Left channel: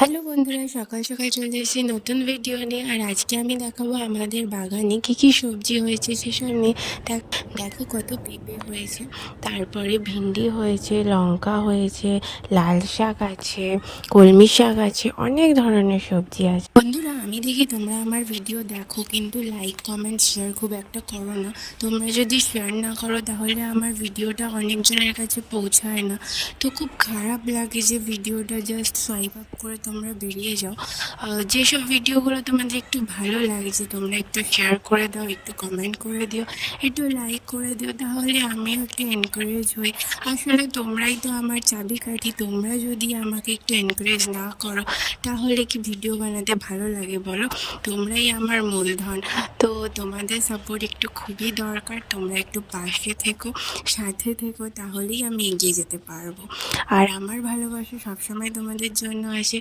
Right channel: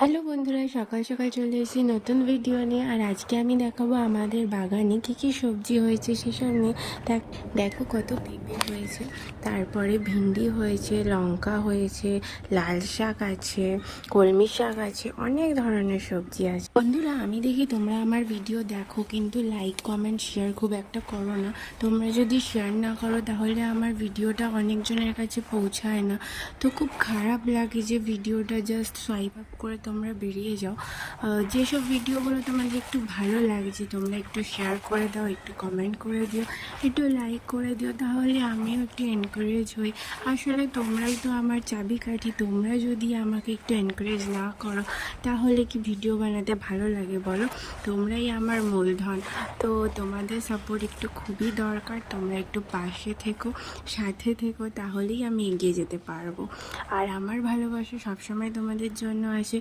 Hello বন্ধুরা, সকাল সকাল চলে এসেছি নতুন ভিডিও নিয়ে। আর আজকে আমি দেখাবো আমাদের বাগানে কি কি সবজি হয়েছে সেসব নিয়ে। দেখো কত পেঁপে হয়েছে, তারপরে ভিন্ডি হয়েছে, লঙ্কা হয়েছে, লাল শাক আছে, কলমি শাক আছে, অনেক ধরনের সবজি আছে। বন্ধুরা, আমি দেখি তোমরা আমার ভিডিও দেখো, কিন্তু লাইক কমেন্ট শেয়ার খুব একটা করো না। তোমরা যদি শেয়ার না করো তাহলে আমার ভিডিওটা অনেকজনের কাছে পৌঁছায় না। তো খুব খারাপ লাগে যে ভিডিওটা জাস্ট সোয়াইপ আপ করে তোমরা বেরিয়ে যাও। যেসব ভিডিওগুলো তোমাদের একটু ভালো লাগছে তোমরা একটু শেয়ার করে দাও, একটু কমেন্ট করে দিও, একটু লাইক করে দিও, তাহলে আমিও একটু এনকারেজ হই। আসলে তোমরাই তো আমার চাবিকাঠি। তোমরা যদি আমাকে একটু এনকারেজ না করো তাহলে কি ভিডিও বানাতে ভালো লাগে বলো? তোমরাই আমার মূলধন। তো তোমাদের সাপোর্ট একটু খুবই দরকার। তোমরা একটু পাশে থেকো, সাথে থেকো, তাহলেই আমি এগিয়ে যেতে পারবো। আর আমার ভালোবাসা সবসময় তোমাদের জন্য আসে।